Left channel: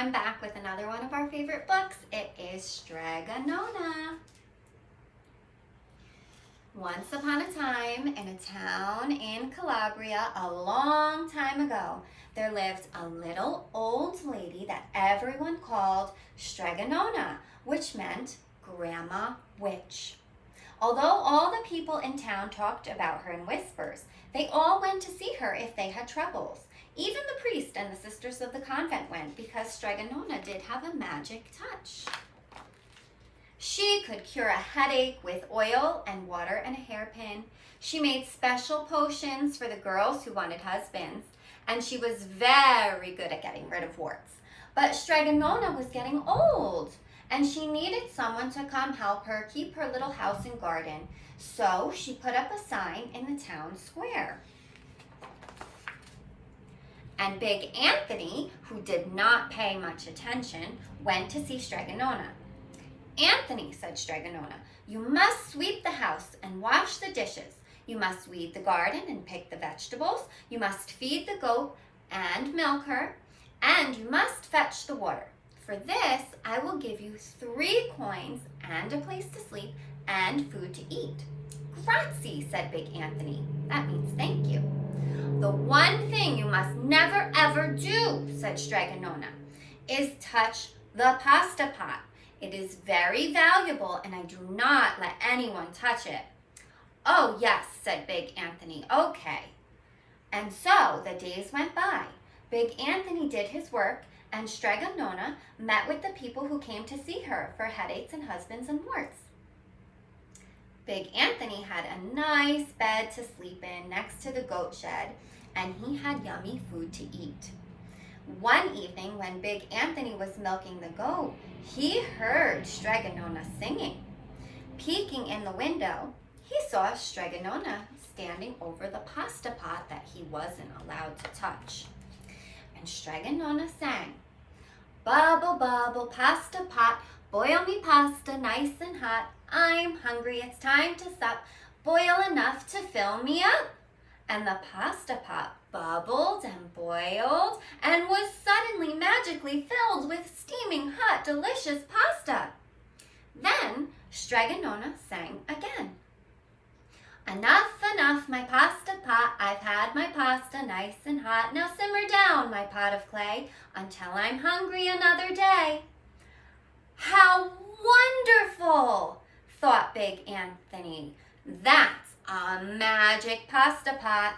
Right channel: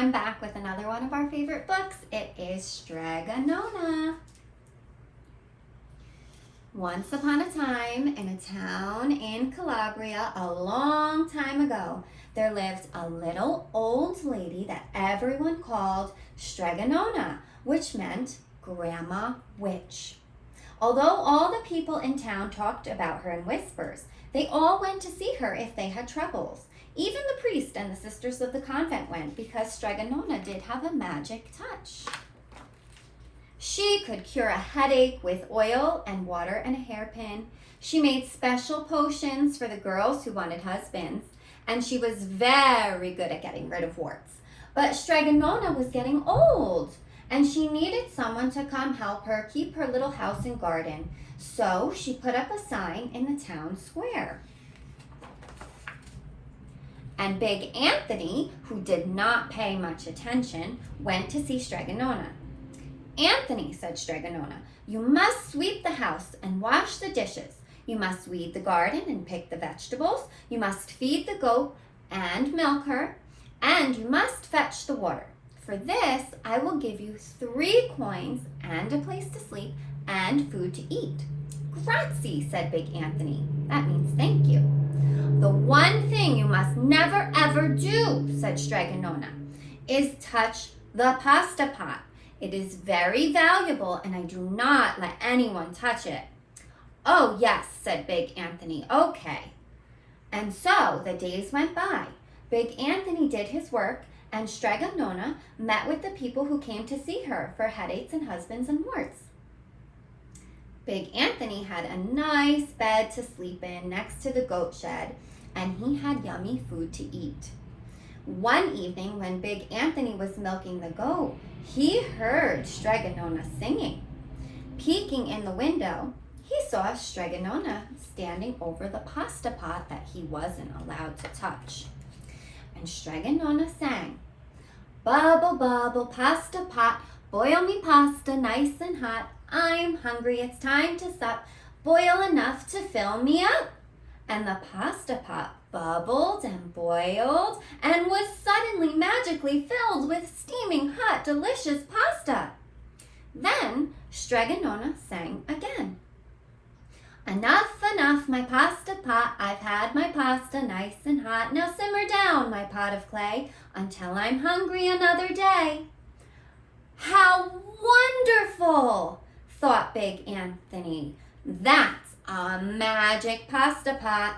I'm back with another one of our favorite books. It is Strega Nona. Once upon a time, in a town in Calabria, a long time ago, there lived a little old lady that everyone called Strega Nona, which meant Grandma Witch. Although all the people in town talked about her in whispers, they all went to see her if they had troubles. Even the priest and the sisters of the convent went because Strega Nona did have a magic touch. She could cure a headache with oil and water and a hairpin. She made special potions for the girls who wanted husbands, and she was very good at getting rid of warts. But Strega Nona was getting old, and she needed someone to come help her keep her little house and garden. So she put up a sign in the town square. And Big Anthony, who did not pay much attention, went to see Strega Nona. "Anthony," said Strega Nona, "you must sweep the house and wash the dishes. You must weed the garden and pick the vegetables. You must feed the goat and milk her. And you must fetch the water. For this, I will give you 3 coins and a place to sleep and food to eat." "Grazie," said Big Anthony. That means thank you. "The one thing you must never ever do," said Strega Nona, "is touch the pasta pot. It is very valuable and I do not let anyone touch it." "Oh yes," said Big Anthony, "okay." And so the days went by. Big Anthony did his work and Strega Nona met with the people who came to see her for headaches and husbands and warts. Big Anthony had a nice bed to sleep in next to the goat shed, and he had yummy food to eat. One evening when Big Anthony was milking the goat, he heard Strega Nona singing. Peeking in the window, he saw Strega Nona standing over the pasta pot that he wasn't allowed to touch. And Strega Nona sang, "Bubble, bubble, pasta pot, boil me pasta nice and hot. I'm hungry, it's time to sup. Boil enough to fill me up." And the pasta pot bubbled and boiled and was suddenly magically filled with steaming, hot, delicious pasta. Then Strega Nona sang again. "Enough, enough, my pasta pot. I've had my pasta nice and hot. Now simmer down, my pot of clay, until I'm hungry another day." "How wonderful!" thought Big Anthony. "That's a magic pasta pot."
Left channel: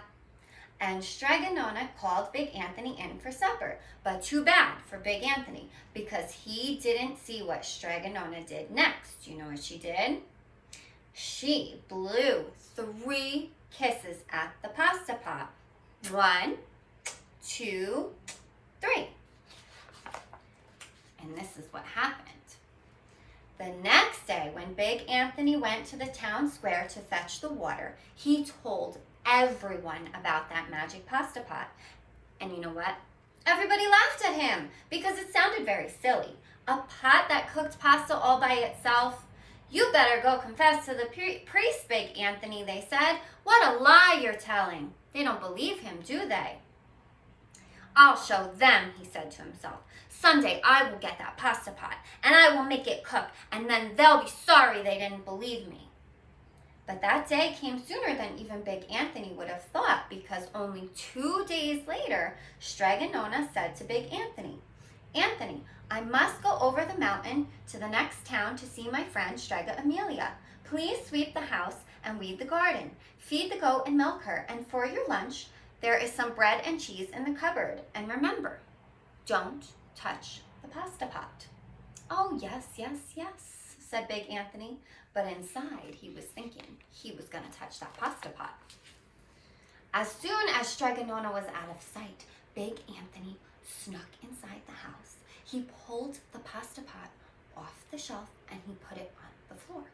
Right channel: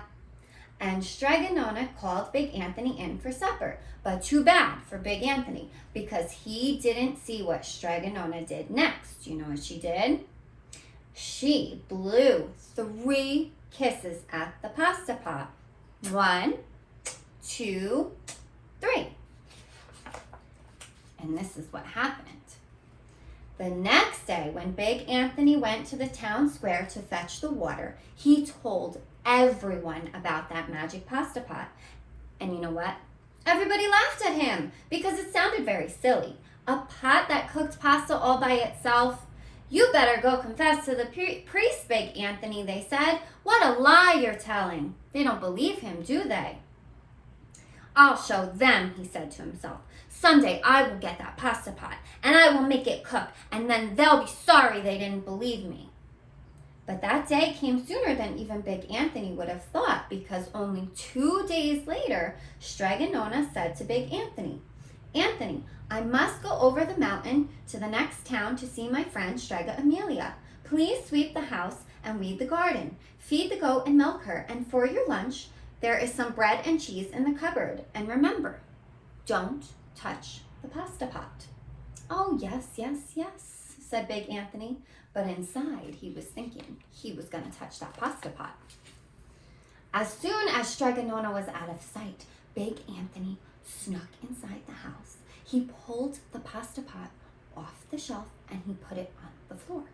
And Strega Nona called Big Anthony in for supper. But too bad for Big Anthony, because he didn't see what Strega Nona did next. You know what she did? She blew 3 kisses at the pasta pot. 1, 2, 3. And this is what happened. The next day, when Big Anthony went to the town square to fetch the water, he told everyone about that magic pasta pot. And you know what? Everybody laughed at him because it sounded very silly. A pot that cooked pasta all by itself? "You better go confess to the priest, Big Anthony," they said. "What a lie you're telling." They don't believe him, do they? "I'll show them," he said to himself. "Someday I will get that pasta pot and I will make it cook, and then they'll be sorry they didn't believe me." But that day came sooner than even Big Anthony would have thought, because only 2 days later, Strega Nona said to Big Anthony, "Anthony, I must go over the mountain to the next town to see my friend Strega Amelia. Please sweep the house and weed the garden. Feed the goat and milk her, and for your lunch, there is some bread and cheese in the cupboard. And remember, don't touch the pasta pot." "Oh, yes, yes, yes," said Big Anthony, but inside he was thinking he was going to touch that pasta pot. As soon as Strega Nona was out of sight, Big Anthony snuck inside the house. He pulled the pasta pot off the shelf and he put it on the floor.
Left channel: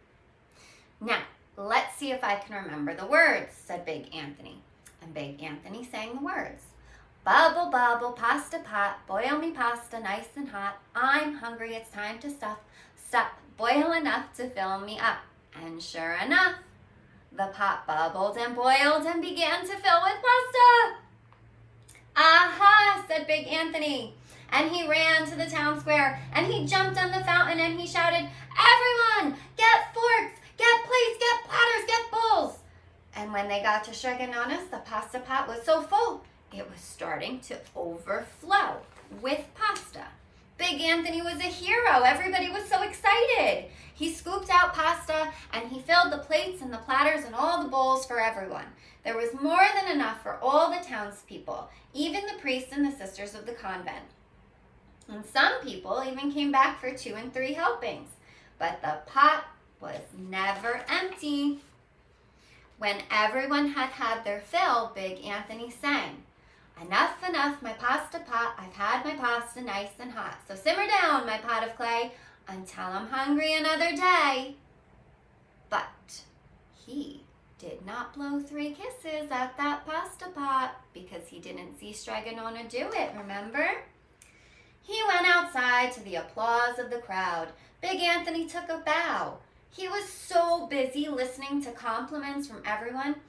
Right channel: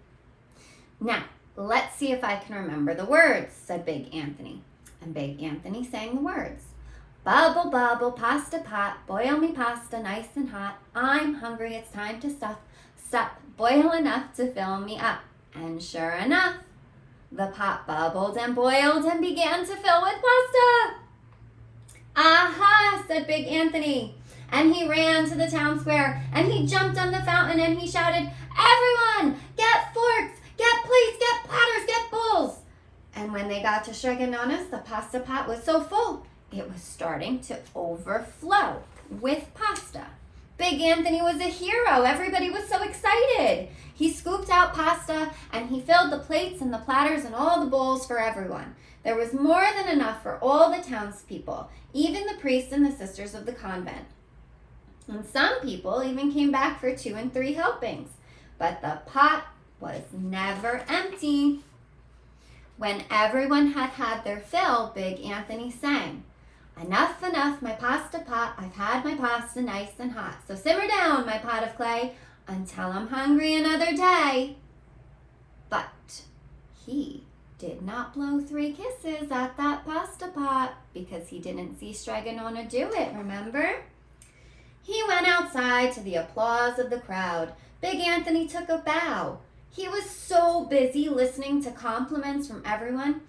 "Now, let's see if I can remember the words," said Big Anthony. And Big Anthony sang the words. "Bubble, bubble, pasta pot, boil me pasta nice and hot. I'm hungry, it's time to stuff. Sup, boil enough to fill me up." And sure enough, the pot bubbled and boiled and began to fill with pasta. "Aha," said Big Anthony. and he ran to the town square, and he jumped on the fountain, and he shouted, "Everyone, get forks, get plates, get platters, get bowls." And when they got to Strega Nona's, the pasta pot was so full, it was starting to overflow with pasta. Big Anthony was a hero. Everybody was so excited. He scooped out pasta and he filled the plates and the platters and all the bowls for everyone. There was more than enough for all the townspeople, even the priests and the sisters of the convent. And some people even came back for 2 and 3 helpings. But the pot was never empty. When everyone had had their fill, Big Anthony sang, "Enough, enough, my pasta pot, I've had my pasta nice and hot. So simmer down, my pot of clay, until I'm hungry another day." But he did not blow 3 kisses at that pasta pot because he didn't see Strega Nona do it, remember? He went outside to the applause of the crowd. Big Anthony took a bow. He was so busy listening to compliments from everyone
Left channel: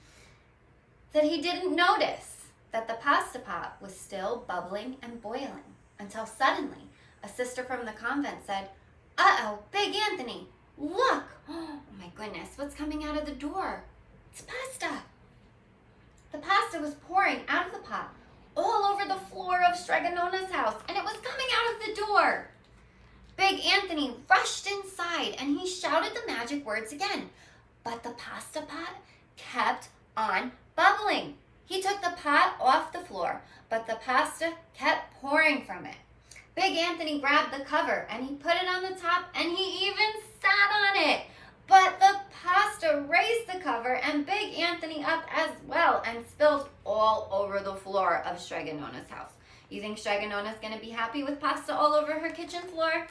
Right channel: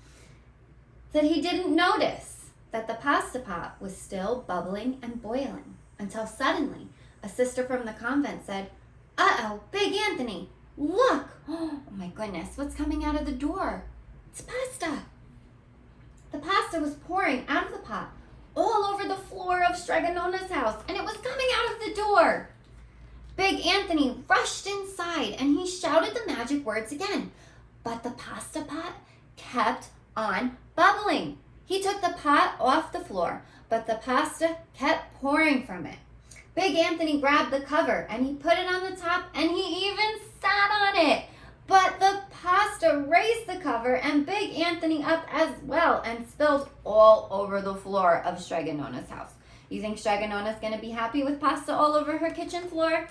that he didn't notice that the pasta pot was still bubbling and boiling until suddenly a sister from the convent said, "Uh-oh, Big Anthony, look! Oh my goodness, what's coming out of the door? It's pasta." The pasta was pouring out of the pot all over the floor of Strega Nona's house, and it was coming out of the door. Big Anthony rushed inside and he shouted the magic words again, but the pasta pot kept on bubbling. He took the pot off the floor, but the pasta kept pouring from it. Big Anthony grabbed the cover and he put it on the top and he even sat on it. But the pasta raised the cover and Big Anthony up as well and spilled all over the floor of Strega Nona's house. You think Strega Nona's going to be happy with pasta all over her kitchen floor?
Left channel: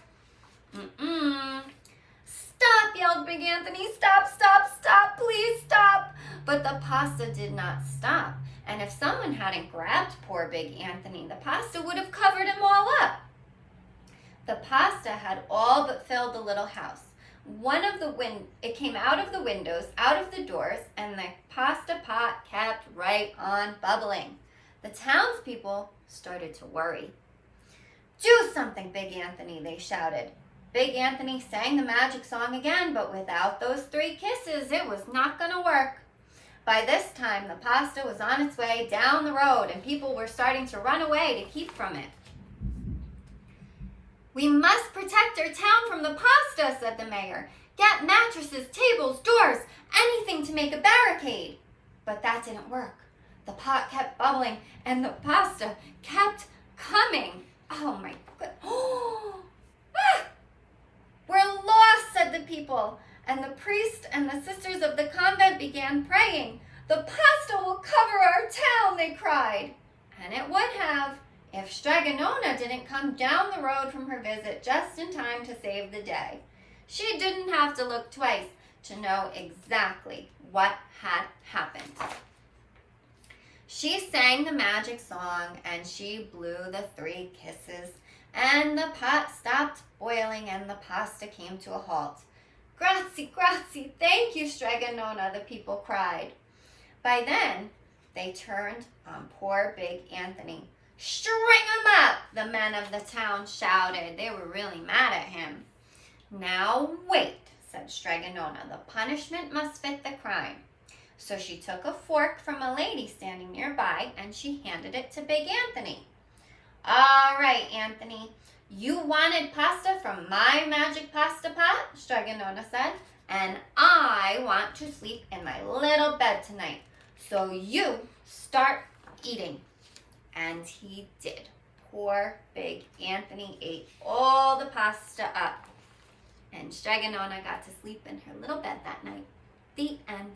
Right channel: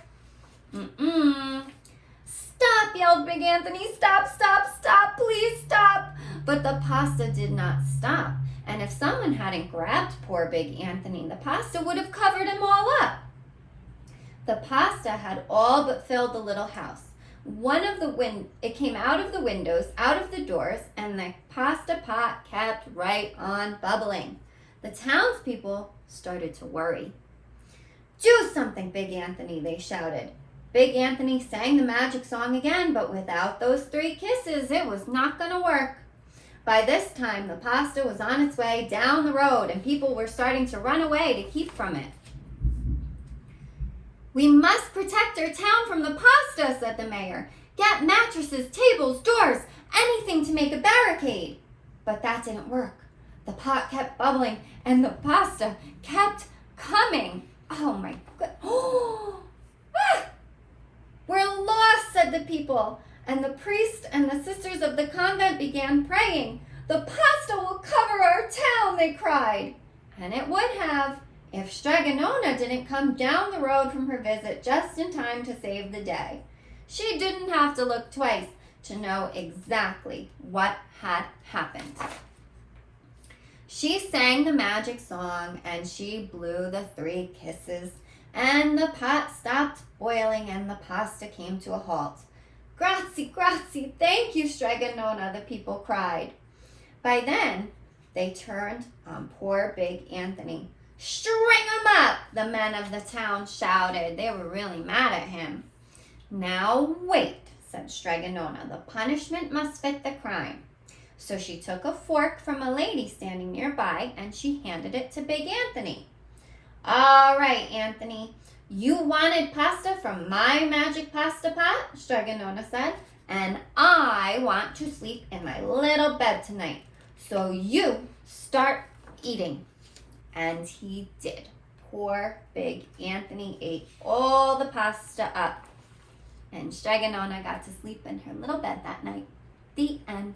"Stop," yelled Big Anthony. "Stop, stop, stop, please stop." But the pasta did not stop. And if someone hadn't grabbed poor Big Anthony, the pasta would have covered him all up. The pasta had all but filled the little house. It came out of the windows, out of the doors, and the pasta pot kept right on bubbling. The townspeople started to worry. "Do something, Big Anthony," they shouted. Big Anthony sang the magic song again, but without those 3 kisses, it was not going to work. By this time, the pasta was on its way down the road, and people were starting to run away to keep from it. "We must protect our town from the pasta," said the mayor. "Get mattresses, tables, doors, anything to make a barricade." But that didn't work. The pot kept bubbling, and the pasta kept coming. Oh my goodness. "We're lost," said the people, and the priest and the sisters of the convent began praying. "The pasta will cover our town," they cried. And it would have if Strega Nona didn't come down the road from her visit just in time to save the day. She didn't have to look twice to know exactly what had happened. She sang the magic song and she blew the 3 kisses, and the pot stopped boiling and the pasta came to a halt. "Grazie, grazie, thank you, Strega Nona," the people cried. By then, they turned on poor Big Anthony. "String him up," the men of the town shouted. They were really mad at him. "Now wait," said Strega Nona. "The punishment must fit the crime." So she took a fork from a lady standing nearby and she handed it to Big Anthony. "All right, Anthony, you wanted pasta from my magic pasta pot," Strega Nona said, "and I want to sleep in my little bed tonight. So you start eating." And he did. Poor Big Anthony ate all the pasta up. And Strega Nona got to sleep in her little bed that night. The end.